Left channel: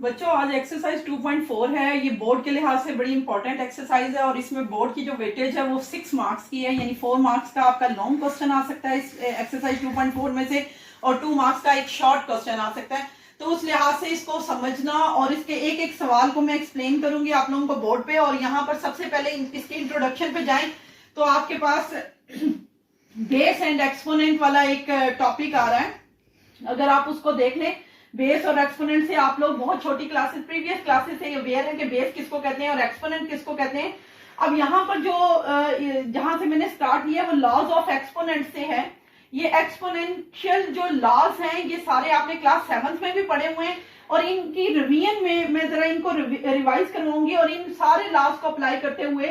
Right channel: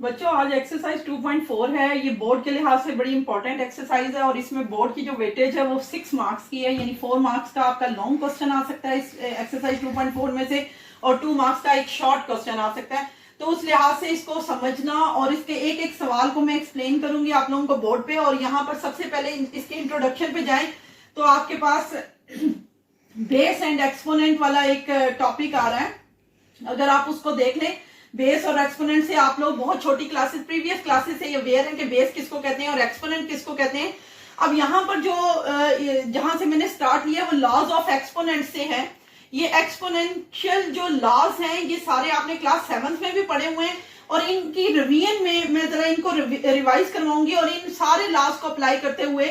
बच्चों आज एक्सरसाइज 2.4 है। ये बोर्ड के लिहाज से बड़ी इंपॉर्टेंट एक्सरसाइज है और इसमें बोर्ड की जो वेटेज है वो 6 मार्क्स की है, यानी 4 मार्क्स का आपका लॉन्ग क्वेश्चन आ सकता है इस एक्सरसाइज 2.4 में से और 2 मार्क्स का एक शॉर्ट क्वेश्चन आ सकता है। तो उस लिहाज से इसको समझना और इसके एक एक सवाल को मैं एक्सप्लेन करूंगी आप लोगों को बोर्ड पे। और यहाँ पर सबसे पहले इसके इंट्रोडक्शन पे जाएं तो आपके पास बेस एंड एक्सपोनेंट वाला एक टॉपिक आ रहा है। अगर आप उसको देख लें, बेस और एक्सपोनेंट से आप लोग बहुत छोटी क्लासेस प्रीवियस क्लासेस से अवेयर हैं कि बेस किसको कहते हैं और एक्सपोनेंट किसको कहते हैं। अब यहाँ पर जो जहां से मैंने स्टार्ट किया वो लॉज ऑफ एक्सपोनेंट से है। ये एक्सपोनेंशियल जो लॉज हैं ये सारे आपने क्लास 7th में भी पढ़े हुए हैं और इनकी रिवीजन में मैं जरा इनको रिवाइज करवाऊंगी और इन सारे लॉज को अप्लाई करते हुए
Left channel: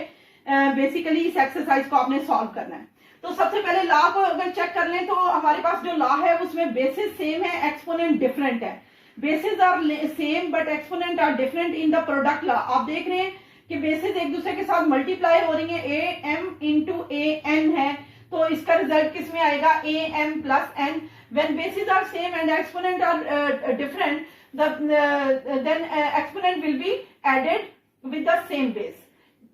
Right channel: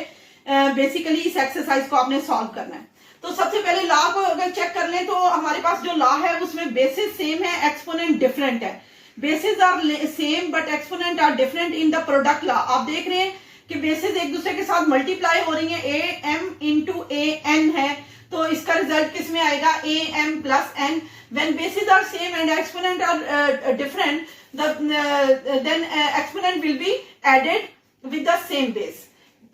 बेसिकली इस एक्सरसाइज को आपने सॉल्व करना है। तो सबसे पहले लॉ को अगर चेक कर लें तो हमारे पास जो लॉ है उसमें बेसिस सेम है, एक्सपोनेंट डिफरेंट है। Basis are same but exponent are different in the product law. आप देख रहे हैं कि बेसिस एक दूसरे के साथ मल्टीप्लाई हो रही है, A M into A N है, तो इसका रिजल्ट किस में आएगा, A M plus N. When basis are same and exponent are different then exponent will be added with the same base.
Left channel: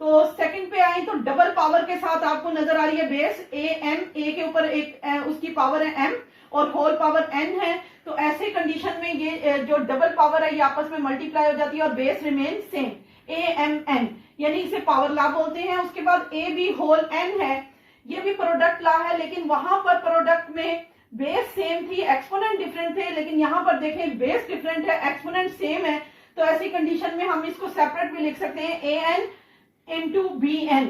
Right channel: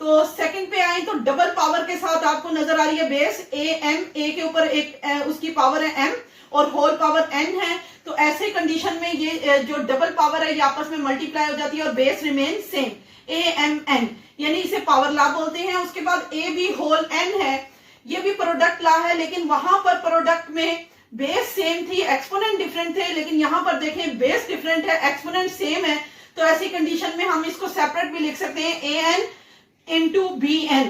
तो सेकंड पे आए तो डबल पावर के साथ आपको नजर आ रही है बेस ए एम, ए के ऊपर एक उसकी पावर है एम और होल पावर एन है। तो ऐसे कंडीशन में ये जो डबल पावर है ये आपस में मल्टीप्लाई हो जाती है और base remain same A M N, यानी इसे पावर लॉ बोलते हैं। उसके बाद ए बी होल एन है, ये भी प्रोडक्ट लॉ है, लेकिन वहां पर प्रोडक्ट में बेस सेम थी, एक्सपोनेंट डिफरेंट थे, लेकिन यहां पर देखें बेस डिफरेंट है, एक्सपोनेंट सेम है। तो ऐसी कंडीशन में हम इसको सेपरेट भी लिख सकते हैं, A N into B N,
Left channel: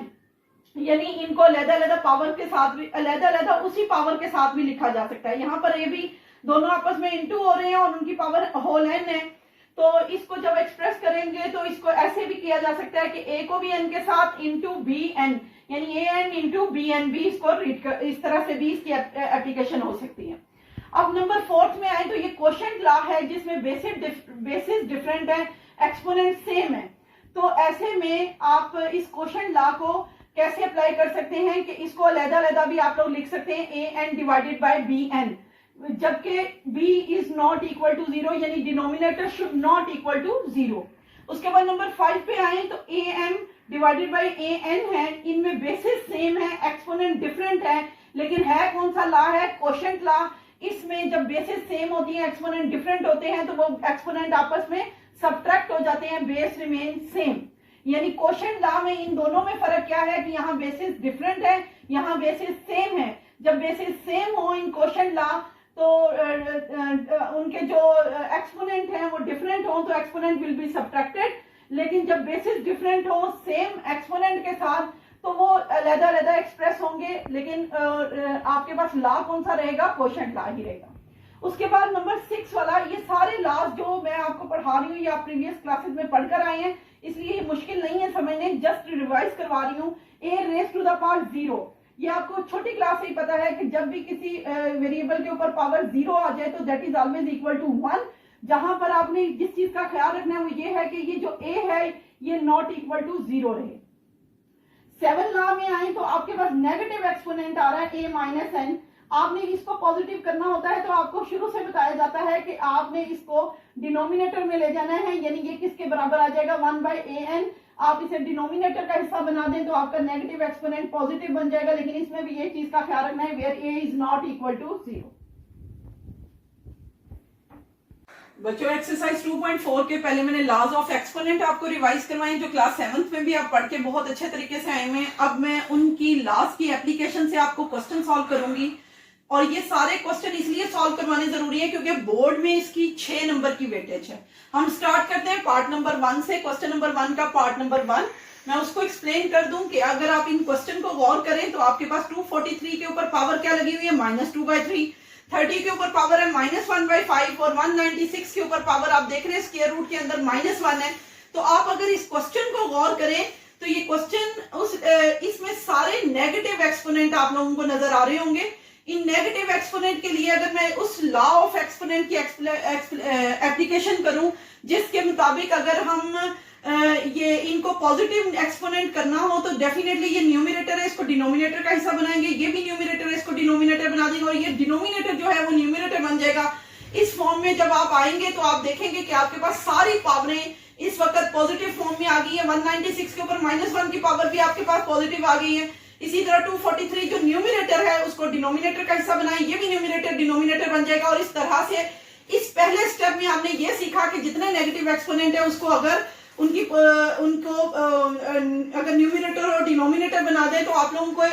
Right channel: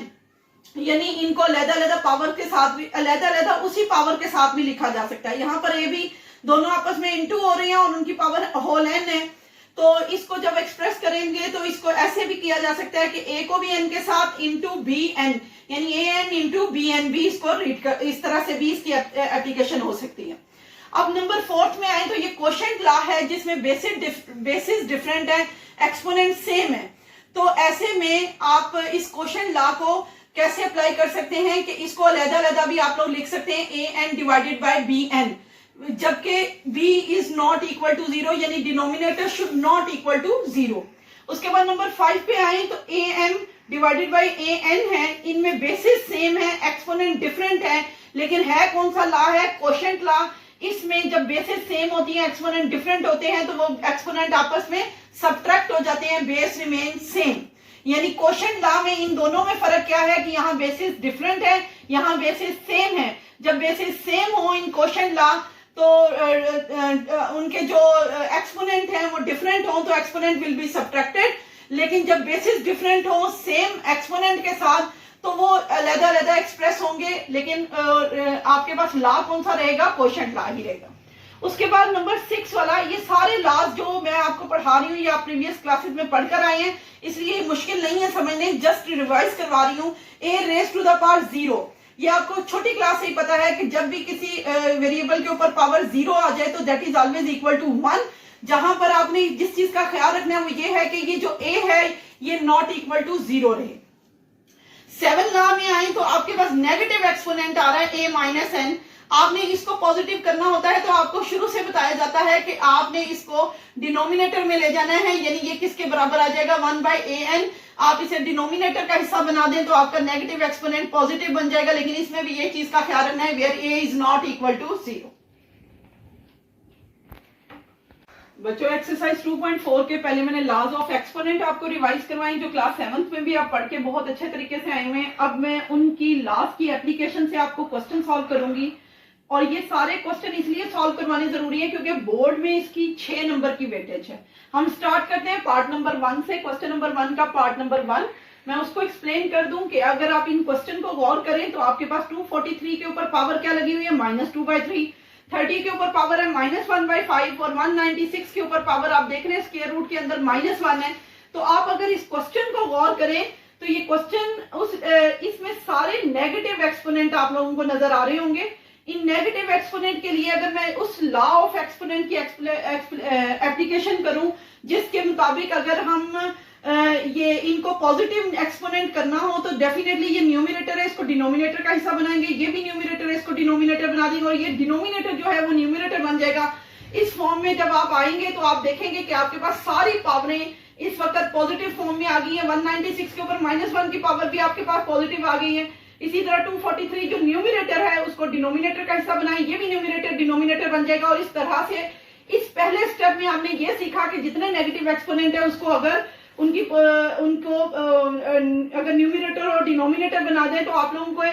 यानी इनको अलग-अलग पावर के साथ भी अलग-अलग उसी पावर के साथ भी लिखा जा सकता है। यहाँ पर ए बी दोनों आपस में इंटू हो रहे हैं और उनकी पावर होल एन है। तो इसको जब एक्सप्रेस करेंगे तो इसको ऐसे भी किया जा सकता है कि ए को भी एन के साथ इंटू बी एन, यानी A N into B N भी इसको रीड कर, इस तरह से भी इसकी एप्लीकेशन हो सकती है। अब नंबर 4 में आए तो ये क्वोशिएंट लॉ है जिसमें बेसिस डिफरेंट है, एक्सपोनेंट सेम है। तो ऐसे में आप इस क्वोशिएंट लॉ को कैसे अप्लाई कर सकते हैं कि इसको अलग-अलग भी आप लोग लिख सकते हैं, A N divided by B N, जबकि b is not equal to 0, यानी denominator should not equal to 0। उसके बाद नंबर 5 पे आए तो A M divided by A N है, इनमें बेसिस सेम है, एक्सपोनेंट डिफरेंट है, लेकिन है कौन सा लॉ है, क्वोशिएंट लॉ। इसमें जब बेसिस सेम होती है, एक्सपोनेंट डिफरेंट होते हैं तो वो एक्सपोनेंट आपस में सब्ट्रैक्ट हो जाते हैं, बेस रिमेन सेम। यानी क्वोशिएंट लॉ में इन दोनों में फर्क क्या है कि यहाँ बेसिस डिफरेंट है, यहाँ बेसिस सेम है। जब बेसिस सेम हो इन क्वोशिएंट लॉ तो उनके जो एक्सपोनेंट हैं वो डिफरेंट हो तो एक्सपोनेंट विल बी सब्ट्रैक्टेड, लेकिन जब बेसिस डिफरेंट हो सेम एक्सपोनेंट के साथ तो वो अलग-अलग एक्सप्रेस होंगे, लेकिन आपके पास लॉ कौन सा रहेगा, क्वोशिएंट लॉ ही रहेगा। उसके बाद नंबर 6 वाला, ये सारे लॉज जो मैं आपको पढ़ा रही हूँ ये आप प्रीवियस क्लासेस में पढ़कर आए हैं, इसलिए मुश्किल नहीं है समझने, जस्ट रिवाइज करवा रही हूँ। ए रेज टू द पावर 0, ये आपको छोटी क्लास से ही पता है कि जब भी किसी वेरिएबल के ऊपर पावर 0 आ जाए तो that is always equal to 1। जहां पर आपने जिस चीज का ख्याल रखना है वो ये है कि ये जो a है ये नॉट इक्वल टू 0 रहे। 7 लॉ में आए तो आपके पास नेगेटिव एक्सपोनेंट आ रहा है a माइनस एन, आपने इसको पॉजिटिव करना होता है तो आपको शुरू से बताया जाता है कि आपने इसको डिनोमिनेटर में ले जाना है, यानी ये किसके बराबर आ जाएगा, 1 बाय ए एन। आप इसे डिनोमिनेटर का हिस्सा बना दें तो आपका नेगेटिव एक्सपोनेंट पॉजिटिव बन जाएगा, लेकिन इसमें भी ये चीज का ख्याल रखना है where A is not equal to 0। बच्चों एक्सरसाइज 2.4 के पहले मैंने लॉज ऑफ एक्सपोनेंट आपको रिवाइज करवाएं जो क्लास 7th में भी आप पढ़ के बहुत अच्छे तरीके से आए हुए हैं। अब मैं उनकी लॉज की एप्लीकेशन से आपको क्वेश्चन सॉल्व करूंगी और ये सारे क्वेश्चन इसलिए सॉल्व करवाने जरूरी है क्योंकि बोर्ड में इसकी 6 नंबर की वेटेज है। हम स्टार्ट करते हैं पार्ट नंबर 1 से। क्वेश्चन नंबर 1 का पार्ट नंबर 1 मैं उसको एक्सप्लेन कर दूं कि अगर आप इन क्वेश्चन को गौर करें तो आपके पास 243 के ऊपर पावर क्या लगी हुई है, -2/3, 30 के ऊपर पावर है -1/5 और 196 के ऊपर पावर आप देख रहे हैं स्क्वायर रूट के अंदर -1 है। तो आप अगर इस क्वेश्चन को गौर करें तो ये क्वेश्चन इसमें सारे नेगेटिव एक्सपोनेंट आप लोगों को नजर आ रहे होंगे। इन नेगेटिव एक्सपोनेंट के लिए अगर मैं उस लॉ ऑफ एक्सपोनेंट की एप्लीकेशन करूं जिसके मुताबिक अगर हम ये इनको पॉजिटिव एक्सपोनेंट करना हो तो डेफिनेटली ये न्यूमरेटर है, इसको डिनोमिनेटर का हिस्सा बनाएंगे, ये भी न्यूमरेटर है, इसको डिनोमिनेटर बना देंगे और ये डिनोमिनेटर जो है वो न्यूमरेटर बन जाएगा। इस फॉर्म में जब आप आएंगे तो आप देखेंगे कि आपके पास सारी पावरें इस वक्त पॉजिटिव फॉर्म में आ गई है। 196 के ऊपर -1 की पावर भी आपके पास पॉजिटिव आ गई है। इसी तरह 243 जो न्यूमिनेटर है उसको डिनोमिनेटर का हिस्सा बनाए, ये भी न्यूमिनेटर डिनोमिनेटर बन जाएगा। और इस तरह से इस पहले स्टेप में हमने ये सीखा कि जितने नेगेटिव एक्सपोनेंट है उसको अगर अगर न्यूमिनेटर और डिनोमिनेटर बना दें तो आप लोगों को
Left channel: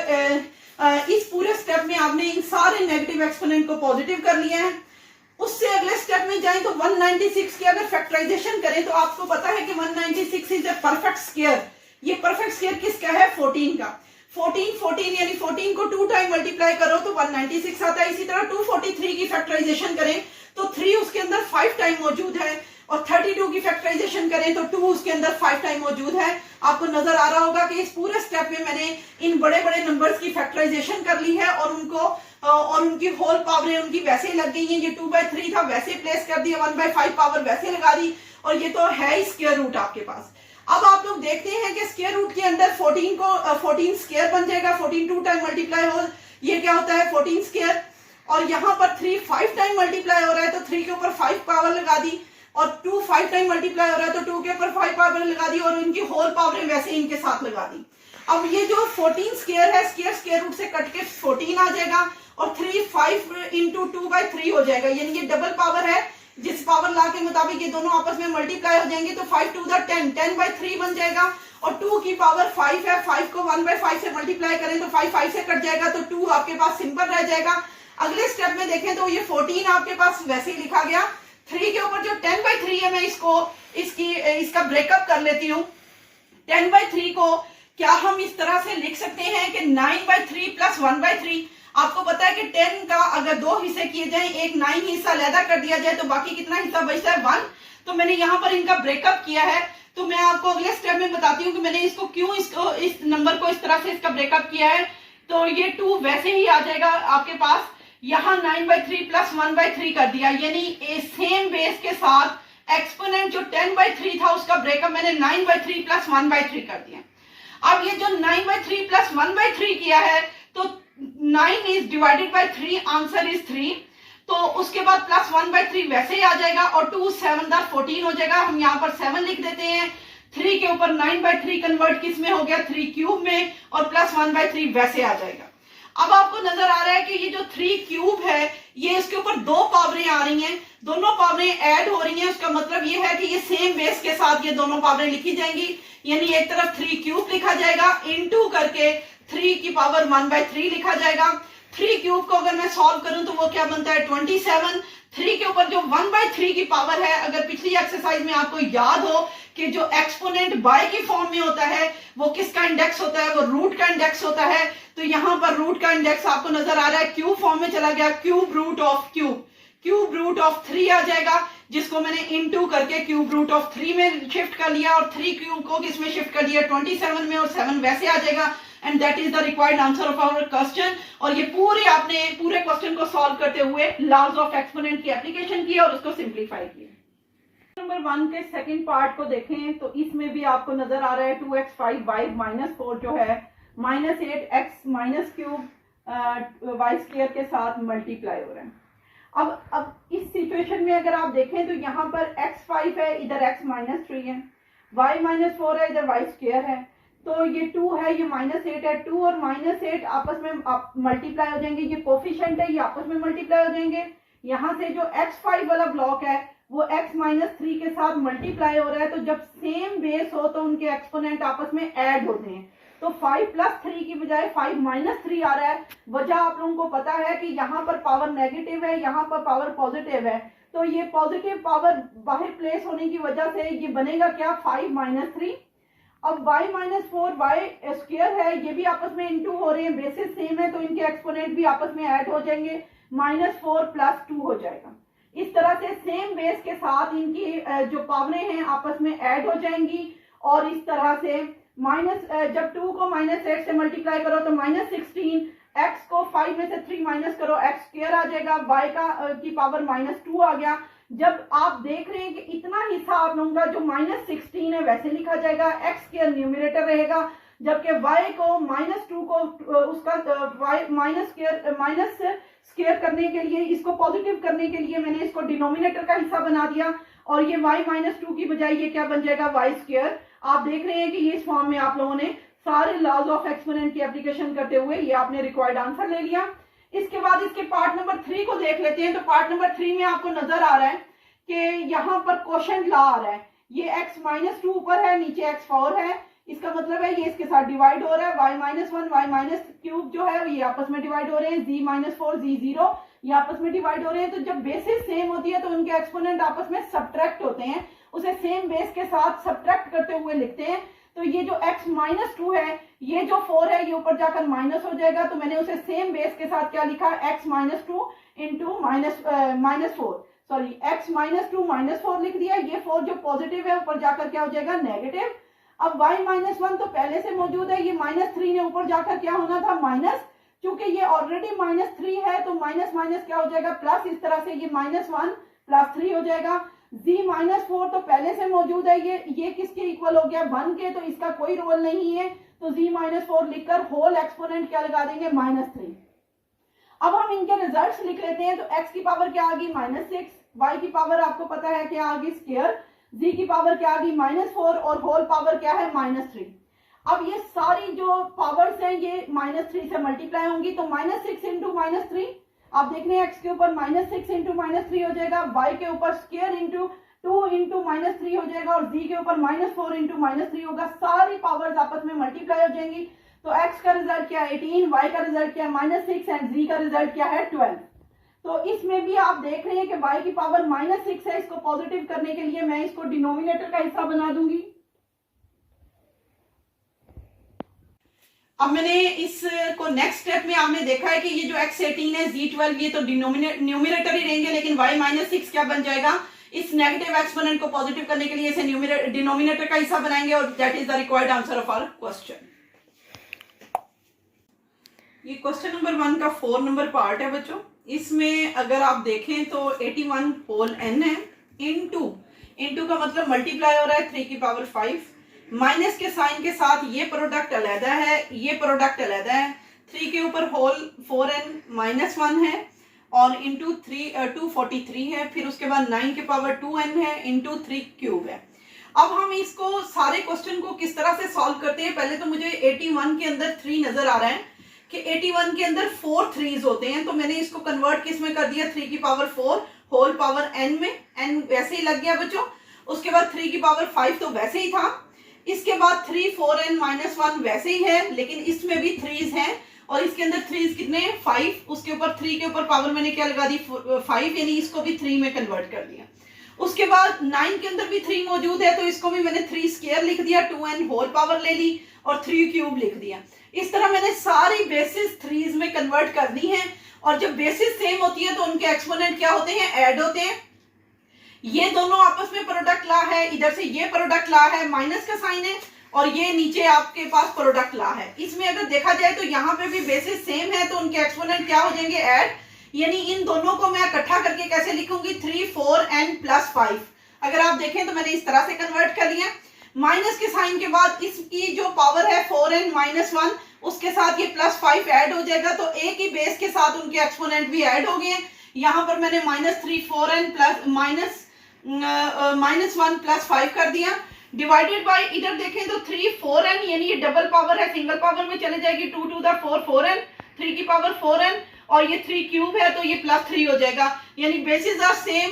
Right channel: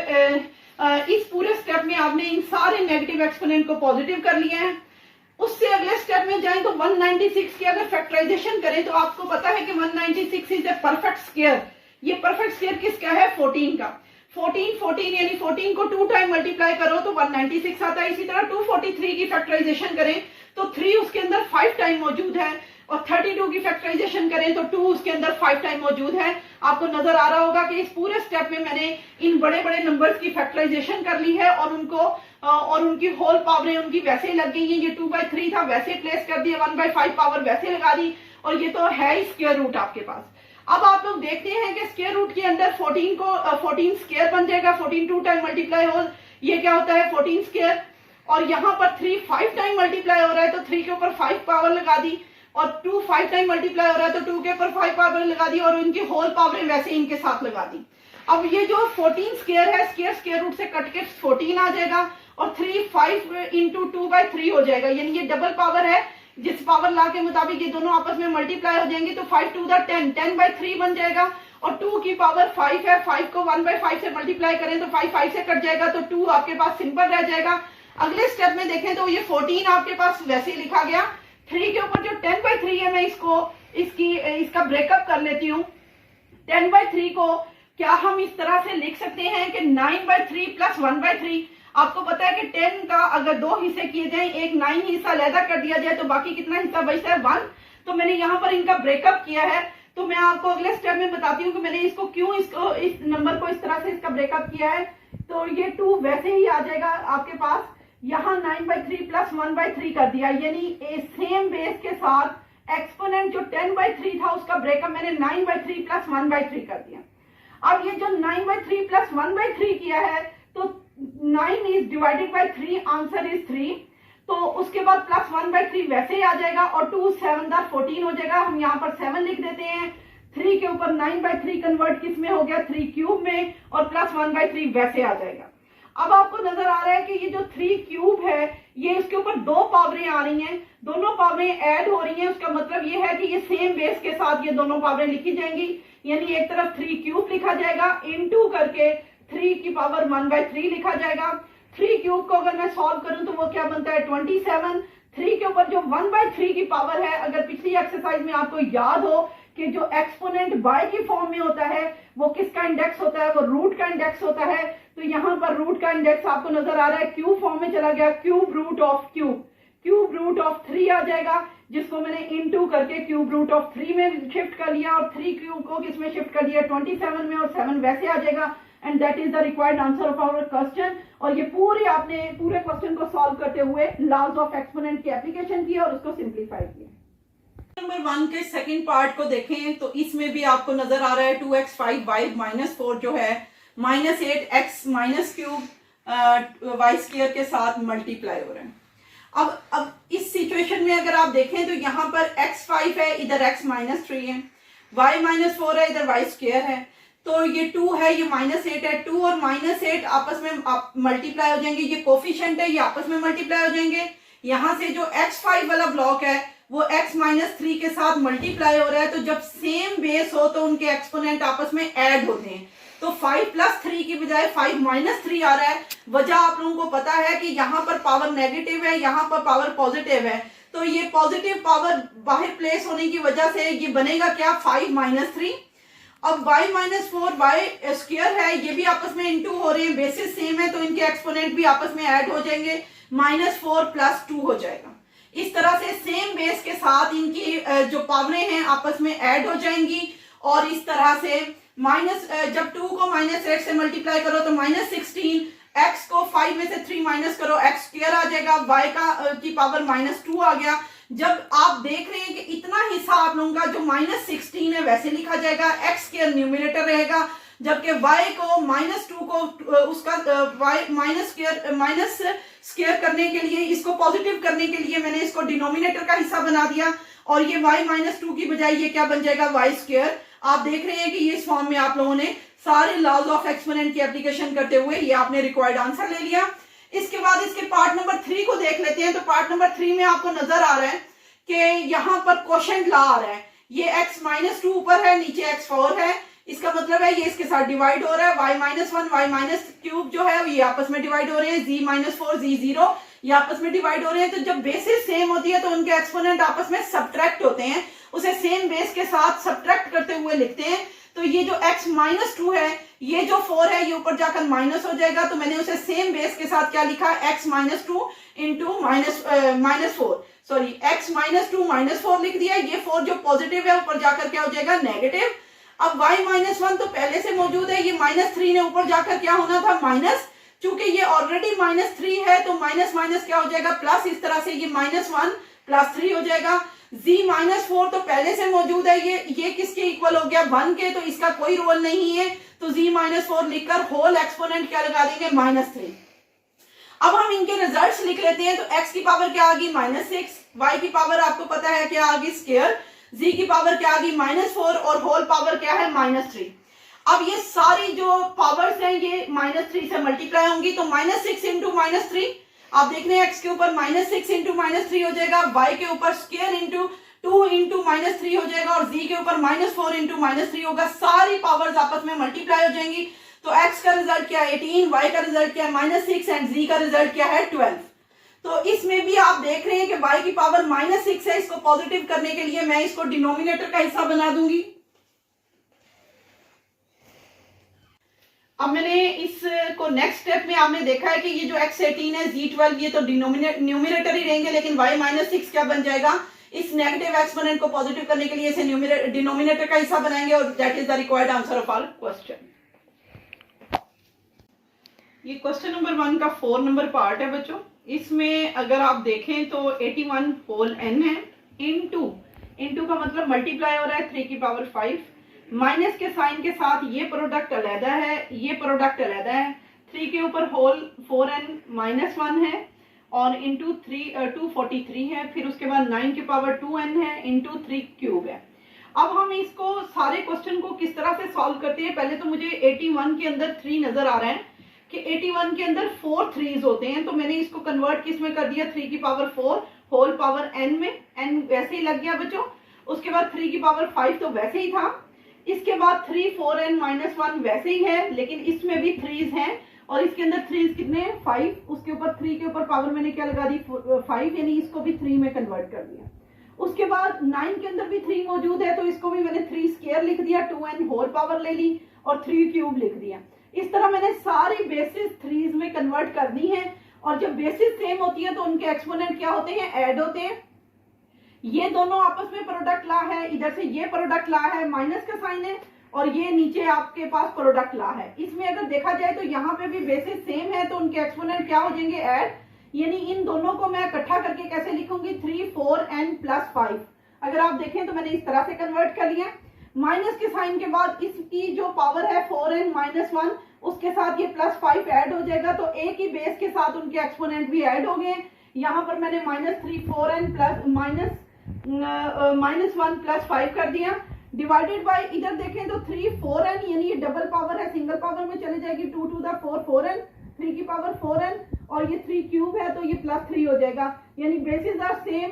इस पूरे स्टेप में आपने इन सारे नेगेटिव एक्सपोनेंट को पॉजिटिव कर लिया है। उससे अगले स्टेप में जाएं तो 196 की अगर फैक्टराइजेशन करें तो आपको पता है कि 196 इज ए परफेक्ट स्क्वायर। ये परफेक्ट स्क्वायर किसका है? 14 का। 14 यानी 14 को 2 टाइम मल्टीप्लाई करो तो 196 आता है। इसी तरह 243 की फैक्टराइजेशन करें तो 3 उसके अंदर 5 टाइम मौजूद है, और 32 की फैक्टराइजेशन करें तो 2 उसके अंदर 5 टाइम मौजूद है। आपको नजर आ रहा होगा कि इस पूरे स्टेप में मैंने इन बड़े बड़े नंबर्स की फैक्टराइजेशन कर ली है और उनकी होल पावरें उनकी वैसे लग गई हैं। ये 2/3 था, वैसे प्लेस कर दिया, 1/5 पावर वैसे लगा दी, और ये तो है ही स्क्वायर रूट आपके पास। अब आप लोग देखते हैं कि स्क्वायर रूट के अंदर 14 स्क्वायर बन जाएगा। 14 2 टाइम मल्टीप्लाई हो, ये क्या होता है? 14 स्क्वायर। और यहाँ पर 3 5 टाइम मल्टीप्लाई हो रहा है तो 3 के ऊपर 5 पावर लगा दी, और 2 5 टाइम मल्टीप्लाई हो रहा है तो 2 के ऊपर 5 पावर लगा दी, और इनकी होल पावर वैसे इनके साथ लगा दी। अब ये जो 14 स्क्वायर है, स्क्वायर रूट से कट के 14 आ जाएगा, और 3 5 इंटू 2/3 हो जाएगा, यानी ये डबल पावर है। जिस पावर लॉ के मुताबिक ये दोनों आपस में मल्टीप्लाई हो जाएंगे तो 5 2 10 10/3 बन जाएगा, और 2 की पावर 5 है। 5 को 1/5 से मल्टीप्लाई करें तो 5 5 से कट जाएगा, तो 2 आपके पास सिंपल रह जाएगा। अगले स्टेप में देखें तो ये 14 आपके पास वैसे ही लिखा गया। 3 के ऊपर जो 10/3 है, मैं इसका ब्रेकअप कर लेती हूँ। 10/3 को क्या हम इस तरह से लिख सकते हैं कि 9/3 प्लस 1/3। आपको पता है कि 10 का अगर 2 हिस्से किए जाएं, एक 9 हिस्सा अलहदा कर दिया जाए तो बाकी कितना हिस्सा बचता है? 1। तो मैंने यहाँ पर इनका ब्रेकअप किया है, तो मैं आपको अगले स्टेप में बताती हूँ कि मैंने इसको क्यों इस नंबर को इस तरह से इसका ब्रेकअप किया है। तो ये 2 वैसे ही आ जाएगा आपके पास। यहाँ 9/3 प्लस 1/3 कर दिया, यानी सेम बेस के साथ एक्सपोनेंट जो 10/3 था उसका ब्रेकअप मैंने 9/3 प्लस 1/3 कर दिया। अब ये जो 9/3 प्लस 1/3 किया है तो 9 is divided by 3, answer is 3। तो उसके बाद प्लस 1/3 वैसे ही आ जाएगा, और 2 7 दार 14 हो जाएगा। हम यहाँ पर 7 लिख देते हैं। 3 के ऊपर 9/3 कन्वर्ट किस में हो गया? 3 क्यूब में, और प्लस 1/3 वैसे आ जाएगा। अब आपको नजर आ रहा है कि ये जो 3 क्यूब है, ये इसके ऊपर 2 पावरें आ रही हैं, दोनों पावरें ऐड हो रही हैं। उसका मतलब ये है कि ये सेम बेस के साथ ये दोनों पावरें लिखी जाएंगी, यानी एक तरफ 3 क्यूब लिखा जाएगा, इनटू करके 3 की पावर 1/3 लिखा जाएगा। 3 क्यूब को अगर मैं सॉल्व करूं तो वो क्या बनता है? 27। 3 के ऊपर जो 1/3 की पावर है, अगर पिछली एक्सरसाइज में आपको याद हो कि जो एक्सपोनेंट बाय की फॉर्म में होता है वो किसका इंडेक्स होता है? वो रूट का इंडेक्स होता है। तो यहाँ पर रूट का इंडेक्स आपको नजर आ रहा है, क्यूब फॉर्म में चला गया, क्यूब रूट ऑफ 3 आ जाएगा, जिसको मैंने इनटू करके क्यूब रूट ऑफ 3 में शिफ्ट कर लिया, और 3 क्यूब को किसमें शिफ्ट कर दिया? 27 में, और 7 वैसे आ जाएगा। And that is the required answer of our question. और ये आपने पूरे क्वेश्चन को सॉल्व करते हुए लॉज ऑफ एक्सपोनेंट की एप्लीकेशन की और उसको सिंप्लीफाई किया। नंबर 1 के सेकंड पार्ट को देखें तो इसमें भी आपको नजर आ रहा है 2x 5y -4 जो है -8x -3 y स्क्वायर के साथ मल्टीप्लाई हो रहा है। अब इस सिचुएशन में अगर आप देखें तो यहाँ पर x 5 है, इधर x -3 है, y -4 है, इधर y स्क्वायर है, तो ये 2 है, ये -8 है। 2 और -8 आपस में मल्टीप्लाई हो जाएंगे, ये कोफिशिएंट है, ये आपस में मल्टीप्लाई हो जाएंगे। यहाँ से जो x5 वाला ब्लॉक है वो x -3 के साथ मल्टीप्लाई हो रहा है, तो जब सेम बेस हो तो उनके एक्सपोनेंट आपस में ऐड होते हैं। तो 5 + 3 की बजाय 5 - 3 आ रहा है। वजह आप लोगों को पता है कि यहाँ पर पावर नेगेटिव है, यहाँ पर पावर पॉजिटिव है, तो ये पॉजिटिव पावर बाहर प्लेस होने की वजह से ये बनेगा क्या? 5 - 3। अब y -4 y स्क्वायर है, ये भी आपस में इनटू हो रहे हैं, बेसिस सेम है, तो इनके एक्सपोनेंट भी आपस में ऐड हो जाएंगे, -4 + 2 हो जाएगा। इस तरह से सेम बेस के साथ इनकी जो पावरें हैं आपस में ऐड हो जाएंगी, और इस तरह से जब 2 को -8 से मल्टीप्लाई करो तो -16, x को 5 में से 3 माइनस करो, x स्क्वायर आ जाएगा, y की पावर -2 आ गया। जब आप देख रहे हैं कि इतना हिस्सा आप लोगों का जो -16 है वैसे लिखा जाएगा, x स्क्वायर न्यूमरेटर रहेगा, जबकि y को -2 को उसका y माइनस स्क्वायर करने के लिए, इसको पॉजिटिव करने के लिए मैंने इसको डिनोमिनेटर का हिस्सा बना दिया और ये y -2 की बजाय ये क्या बन जाएगा y स्क्वायर। आप देख रहे हैं कि ये इस फॉर्म में आप लोगों ने सारे लॉज ऑफ एक्सपोनेंट की एप्लीकेशन करते हुए ये आपने रिक्वायर्ड आंसर ले लिया। इसके बाद इसके पार्ट नंबर 3 को देख लेते हैं। तो पार्ट नंबर 3 में आपको नजर आ रहा है कि यहाँ पर क्वोशंट लॉ आ रहा है, ये x -2 ऊपर है, नीचे x4 है, इसका मतलब है ये इसके साथ डिवाइड हो रहा है, y-1 y-3 जो है ये आपस में डिवाइड हो रहे हैं, z-4 z0 ये आपस में डिवाइड हो रहे हैं। तो जब बेसिस सेम होती है तो उनके एक्सपोनेंट आपस में सब्ट्रैक्ट होते हैं, उसे सेम बेस के साथ सब्ट्रैक्ट करते हुए लिखते हैं। तो ये जो x -2 है, ये जो 4 है ये ऊपर जाकर माइनस हो जाएगा, तो मैंने उसे सेम बेस के साथ क्या लिखा, x -2 इंटू -4, सॉरी x -2 -4 लिख दिया। ये 4 जो पॉजिटिव है ऊपर जाकर क्या हो जाएगा, नेगेटिव। अब y-1 तो पहले से मौजूद है, ये -3 ने ऊपर जाकर क्या होना था, माइनस। चूंकि ये ऑलरेडी -3 है तो माइनस माइनस क्या हो जाएगा, प्लस। इस तरह से ये -1 + 3 हो जाएगा। z-4 तो पहले से मौजूद है, ये किसके इक्वल हो गया, 1 के, तो इसका कोई रोल नहीं है। तो z-4 लिखकर होल एक्सपोनेंट क्या लगा देंगे, -3। अब हम इनके रिजल्ट्स लिख लेते हैं। तो x की पावर क्या आ गई, -6, y की पावर आपको पता है क्या आ गई, स्क्वायर, z की पावर क्या आ गई, -4 और होल पावर क्या है, -3। अब ये सारी जो पावर्स हैं ये -3 से मल्टीप्लाई होंगी, तो -6 इंटू -3, आप देख रहे हैं x के ऊपर -6 इंटू -3 हो जाएगा, y के ऊपर स्क्वायर इंटू 2 इंटू -3 हो जाएगा और z के ऊपर -4 इंटू -3 होगा। सारी पावर्स आपस में मल्टीप्लाई हो जाएंगी। तो x का रिजल्ट क्या है, 18, y का रिजल्ट क्या है, -6 एंड z का रिजल्ट क्या है, 12। तो इसमें भी आप देख रहे हैं कि y की पावर -6 है, इसको पॉजिटिव करने के लिए मैं इसको डिनोमिनेटर का हिस्सा बना दूंगी। अब मैंने इसको नेक्स्ट स्टेप में आपने देखा है कि ये जो x18 है, z12 ये तो न्यूमिनेटर ही रहेंगे, लेकिन y -6 क्या बन जाएगा, इस नेगेटिव एक्सपोनेंट को पॉजिटिव करने के लिए इसे डिनोमिनेटर का हिस्सा बनाएंगे और that is the required answer of our question. ये क्वेश्चन नंबर 1 का 4 नंबर पार्ट है बच्चों। इसमें अगर आप देखें तो 81 होल n है, इनटू का मतलब मल्टीप्लाई हो रहा है 3 की पावर 5, माइनस के साइन के साथ ये प्रोडक्ट अलहदा है, ये प्रोडक्ट अलहदा है, 3 के ऊपर होल 4n -1 है और इंटू 243 है, फिर उसके बाद 9 के पावर 2n है, इंटू 3 क्यूब है। अब हम इसको सारे क्वेश्चन को किस तरह से सॉल्व करते हैं, पहले तो मुझे 81 के अंदर 3 नजर आ रहा है कि 81 के अंदर 4 3s होते हैं, तो मैंने इसको कन्वर्ट किस में कर दिया, 3 की पावर 4 होल पावर n में, n वैसे ही लग गया बच्चों। उसके बाद 3 की पावर 5 तो वैसे ही था, इसके बाद 3 4n -1 वैसे ही है, लेकिन इसमें भी 3s हैं और इसके अंदर 3s कितने हैं, 5, उसके ऊपर 3 के ऊपर पावर मैंने क्या लगा दी, 5, यानी इसको भी 3 में कन्वर्ट कर दिया। उसके बाद 9 के अंदर भी 3 मौजूद है, तो इसको भी मैंने 3 स्क्वायर लिख दिया, 2n होल पावर ले ली और 3 क्यूब लिख दिया। इस तरह मैंने सारी बेसिस 3s में कन्वर्ट कर दी हैं और जब बेसिस सेम होती है तो उनके एक्सपोनेंट क्या होते हैं, ऐड होते हैं। ये दोनों आपस में प्रोडक्ट ला है, इधर से ये प्रोडक्ट ला है, माइनस का साइन है और ये नीचे आपके पास प्रोडक्ट ला है। इसमें अगर देखा जाए तो यहाँ पे भी बेसिस सेम है तो उनके एक्सपोनेंट क्या हो जाएंगे, ऐड। यानी इन दोनों को मैं इकट्ठा करके कैसे लिखूंगी, 3 4n + 5। अगर आप देखें तो मैंने इस तरह से कन्वर्ट कर लिया। माइनस के साइन के बाद इसकी जो पावर है 4n -1, उसके साथ ये +5 ऐड हो जाएगा, तो एक ही बेस के साथ उनके एक्सपोनेंट भी ऐड हो गए। यहाँ पर मैंने -3 4n -1 + 5 कर दिया, डिवाइडेड बाय, इधर देखें तो 3 4n, यानी ये डबल पावर है, सिंगल पावर में चले जाएगी, 2 to the 4 4n, 3 की पावर 4n और ये 3 क्यूब है तो ये +3 हो जाएगा। यानी basis are same,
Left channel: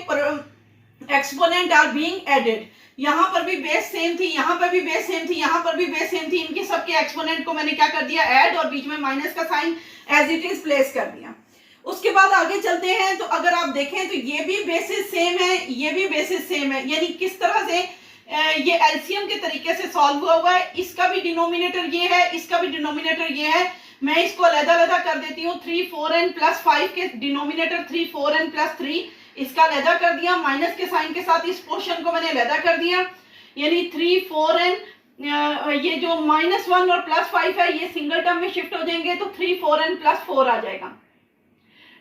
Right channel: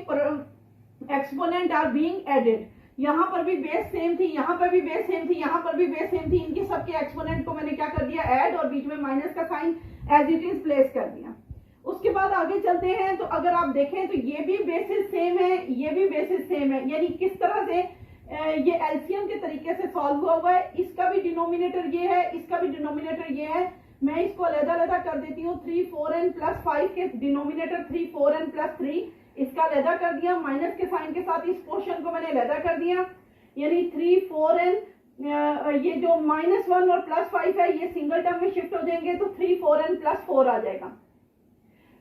exponent are being added. यहाँ पर भी बेस सेम थी, यहाँ पर भी बेस सेम थी, यहाँ पर भी बेस सेम थी, इनके सबके एक्सपोनेंट को मैंने क्या कर दिया, ऐड, और बीच में माइनस का sign as it is place कर दिया। उसके बाद आगे चलते हैं तो अगर आप देखें तो ये भी बेसिस सेम है, ये भी बेसिस सेम है, यानी किस तरह से ये एलसीएम के तरीके से सॉल्व हुआ है। इसका भी डिनोमिनेटर ये है, इसका भी डिनोमिनेटर ये है। मैं इसको अलग-अलग कर देती हूँ, 3 4n + 5 के डिनोमिनेटर 3 4n + 3, इसका अलग कर दिया, माइनस के साइन के साथ इस पोर्शन को मैंने अलग कर दिया, यानी 3 4n, ये जो -1 और +5 है ये सिंगल टर्म में शिफ्ट हो जाएंगे, तो 3 4n + 4 आ जाएगा,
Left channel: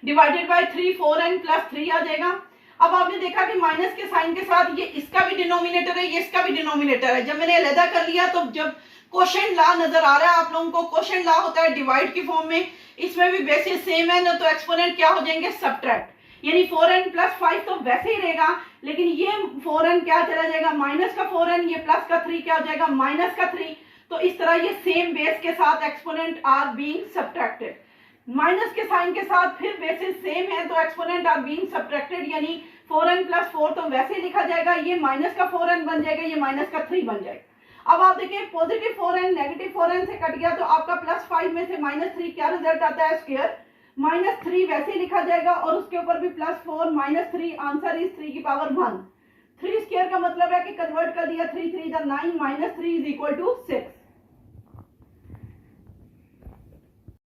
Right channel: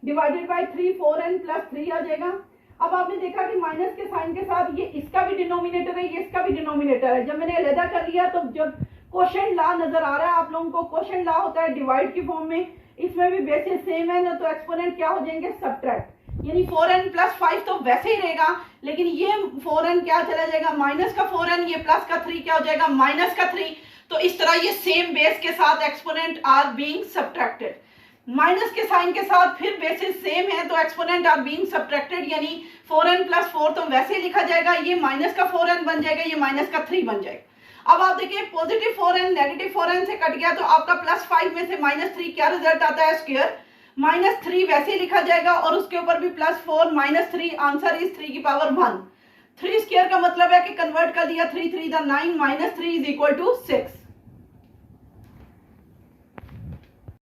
डिवाइडेड बाय 3 4n + 3 आ जाएगा। अब आपने देखा कि माइनस के साइन के साथ ये इसका भी डिनोमिनेटर है, ये इसका भी डिनोमिनेटर है। जब मैंने अलग कर लिया तो जब क्वोशंट लॉ नजर आ रहा है आप लोगों को। क्वोशंट लॉ होता है डिवाइड की फॉर्म में, इसमें भी बेसिस सेम है ना, तो एक्सपोनेंट क्या हो जाएंगे सब्ट्रैक्ट, यानी 4n प्लस 5 तो वैसे ही रहेगा, लेकिन ये 4n क्या चला जाएगा माइनस का 4n, ये प्लस का 3 क्या हो जाएगा माइनस का 3। तो इस तरह ये सेम बेस के साथ exponent are being subtracted, minus के साइन के साथ फिर बेसिस सेम है तो एक्सपोनेंट आर बीइंग सब्ट्रैक्टेड, यानी 4n प्लस 4 तो वैसे ही लिखा जाएगा, ये माइनस का 4n बन जाएगा, ये माइनस का 3 बन जाएगा। अब आप देखिए पॉजिटिव 4n नेगेटिव 4n से कट गया, तो आपका प्लस 5 में से माइनस 3 क्या रिजल्ट आता है स्क्वायर, माइनस 3 वैसे ही लिखा जाएगा, और उसके ऊपर भी प्लस 4 माइनस 3, आंसर इज 3 की पावर 1। 3 स्क्वायर का मतलब है कि कन्वर्ट कर दिया 3 3 9, माइनस 3 इज इक्वल टू 6।